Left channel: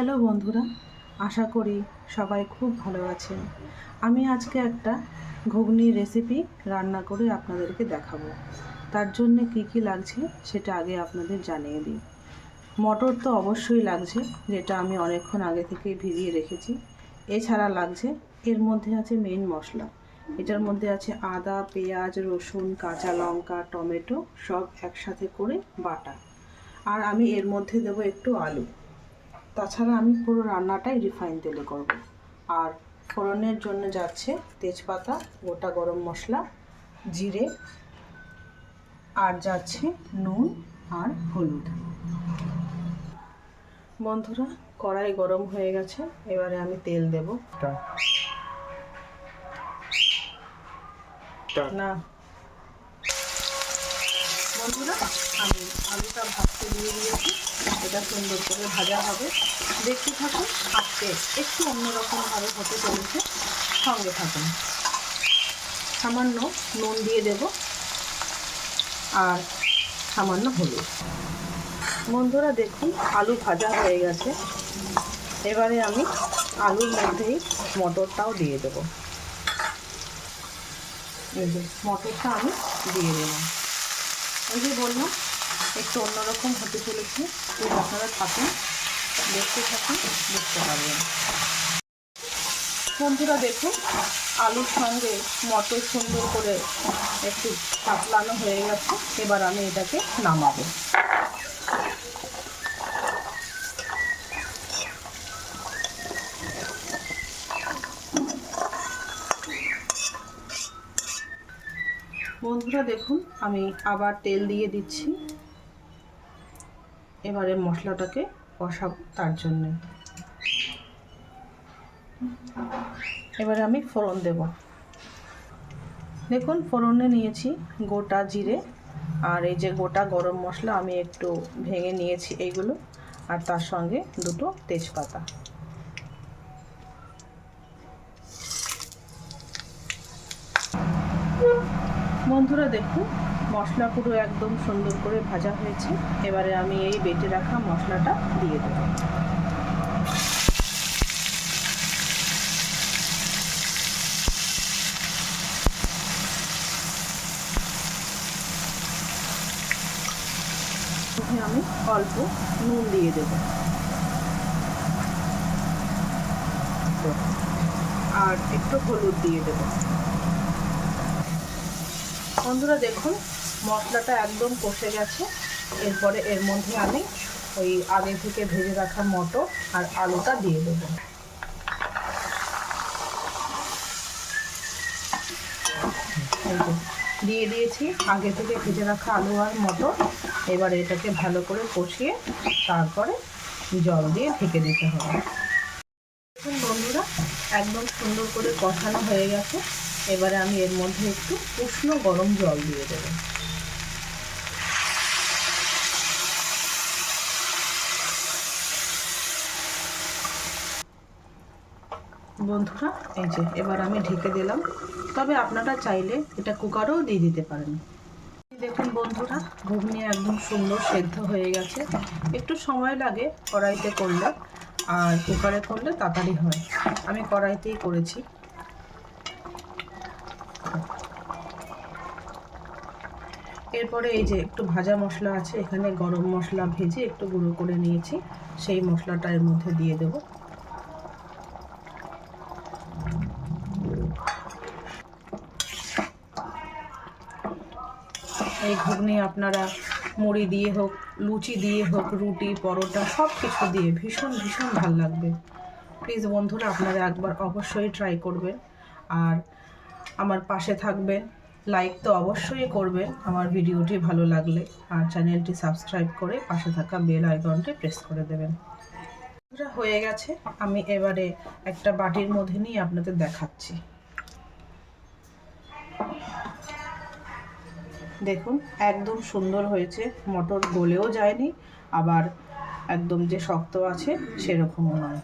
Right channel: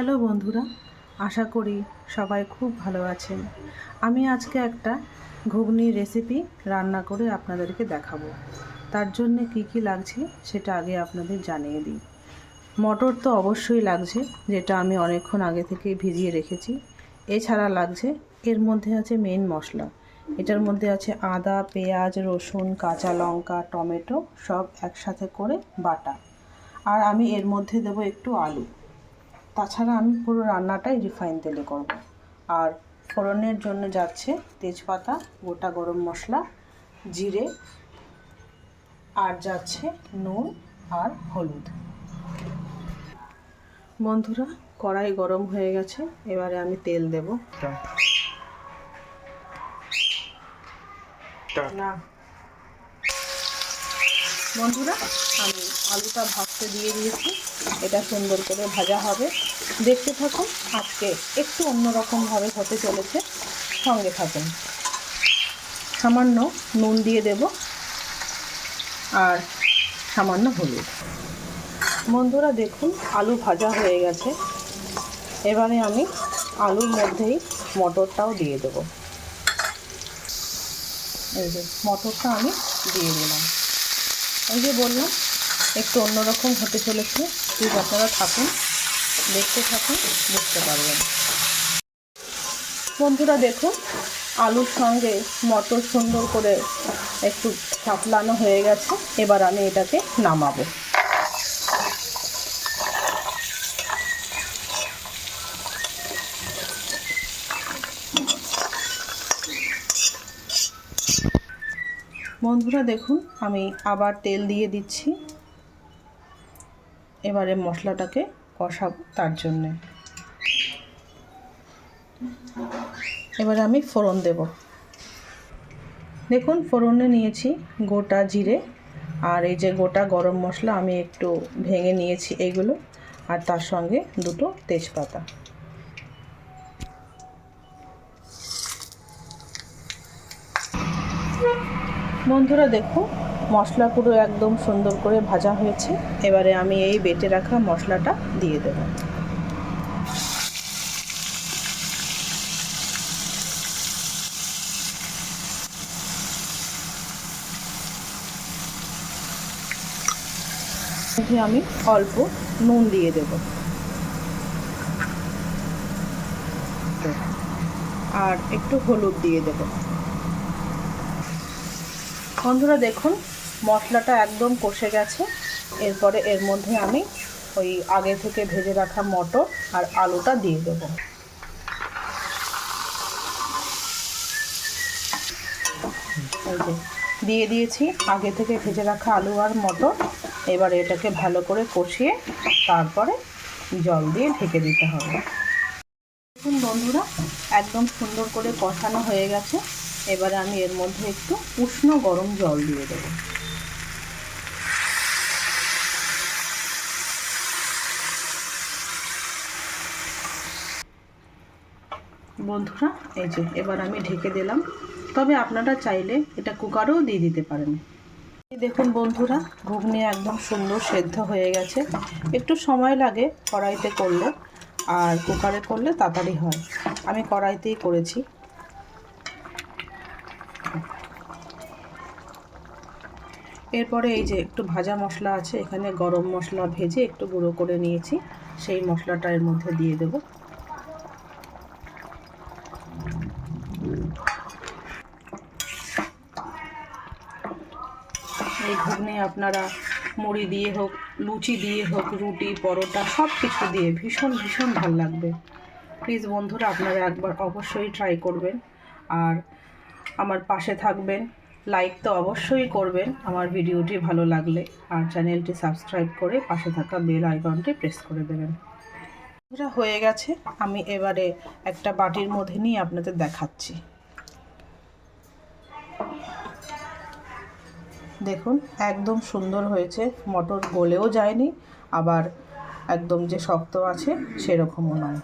Hello বন্ধুরা, আশা করি সবাই খুব ভালো আছেন। আমি আজকে একটা ঘুগনির রেসিপি রান্না করে আপনাদেরকে দেখাবো। তার জন্য কি লাগছে সেটা আগে আপনাদের জানিয়ে দিই। মটর তো অবশ্যই লাগছে, যেটা আমি অনেকক্ষণ আগে থেকে ভিজিয়ে রেখেছি। এছাড়া লাগছে, এর মধ্যে আছে মেন মশলা। এটার মধ্যে আছে আদা, পেঁয়াজ, রসুন, কাঁচা লঙ্কা, টমেটো সব একসাথে করে বাটা। আর আমি এর মধ্যে দেবো একটু আলু। তাছাড়া আমি পুরো রান্নাটাই রিফাইন তেলে করব। আর ফোড়নের জন্য যাচ্ছে তেজপাতা, গোটা গরম মশলা, জিরে, আর যাচ্ছে নুন আর হলুদ। বন্ধুরা, কড়াই গরম হয়ে গেছে, এবারে আমি তেল দেব। না বন্ধুরা, আমি আলুটা ভাজতে দিয়ে দিয়েছি। এটা সুন্দর করে ভাজা হবে, দেখতে থাকুন। আজকে একটু অন্যরকমভাবে হতে চলেছে, সঙ্গে থাকুন। সামান্য নুন দিয়ে দেব আর সামান্য হলুদ। বন্ধুরা দেখুন, আলু ভাজা হয়ে গেছে। এবারে আমি আলুর মধ্যেই মটরটাও দিয়ে দেব। এই যে মটরটা আমি দিয়ে দিলাম। এই যে বললাম, একটু অন্যরকম হতে চলেছে। প্লিজ আপনারা থাকুন, দেখতে থাকুন, বুঝতে পারবেন। বন্ধুরা দেখুন, আলুর সঙ্গে মটর সুন্দর করে একটু পাতলানো হয়ে গেছে। এবার আমি এটাকে নামাবো। বন্ধুরা দেখুন, আমি আবার তেল দিয়ে দিচ্ছি। এবারে মশলাটাকে কষাবো, তার জন্যে এবারে আমি ফোড়ন দেব। দেখুন, ফোড়নে নিয়েছি গোটা জিরে আর এই যে গোটা গরম মশলা আমি একটু ভেঙে নিয়েছি এইগুলো, আর তার সঙ্গে দুটো তেজপাতা। বন্ধুরা দেখুন, মশলা পুরো একদম সুন্দর করে ভাজা হয়েছে। এবারে আমি এই বেটে রাখা মশলাটা দিয়ে দেব। আমি অল্প নুন দিয়ে দেব আর একটু হলুদ দিয়ে দেব। বন্ধুরা দেখুন, মশলাটা একদম কষে গেছে। এরপরে এর মধ্যে আমি ওই আগে থেকে ভেজে রাখা মটর আর আলুটা দিয়ে দেব। দিয়ে দিয়েছি আগে থেকে ভেজে রাখা আলু আর মটর। এবারে এটাকে ভালো করে কষিয়ে তারপরে জল দিয়ে ঢেকে দিতে হবে। দেখুন বন্ধুরা, একদম সুন্দর করে কষানো হয়ে গেছে। এবারে আমি এর মধ্যে একটু উষ্ণ গরম জল দিয়ে দেব। বন্ধুরা এই যে এবার আমি ঢেকে দিলাম। তবে আপনারা চাইলে এটা কুকারেও দিয়ে দিতে পারেন। দেখুন বন্ধুরা, ঘুগনি একদম সুন্দর সেদ্ধ হয়ে গেছে। একটু সময় লাগে কড়াইতে করলে, আর কুকারে করলে তাড়াতাড়ি হয়। আমি কড়াইতেই করেছি। এরপরে এই যে একটু ভাজা মশলা আছে, এখানে গরম মশলা ভেজে একটু গুঁড়ো করে নিয়েছি, সেই মশলাটা এর মধ্যে দিয়ে দেব। এই ঘুগনি আপনারা মুড়ি দিয়ে হোক, লুচি দিয়ে হোক, রুটি, পরোটা সব কিছু দিয়ে ভীষণ ভীষণ ভালো লাগবে। প্লিজ বন্ধুরা, আপনারা একবার অবশ্যই ট্রাই করবেন আর আমার পাশে থাকবেন। লাইক তো অবশ্যই করবেন আমার ভিডিওটি ভালো লাগলে, আর চ্যানেলটি সাবস্ক্রাইব করে পাশে থাকা বেল আইকনটি প্রেস করে দেবেন। এটা হয়ে গেছে, আমি এবারে একটা বাটির মধ্যে নিয়ে আপনাদের দেখাচ্ছি। দেখুন একদম সুন্দর হয়েছে, মটর গলেও যায়নি, আবার একদম যে শক্ত আছে সেরকমও নয়।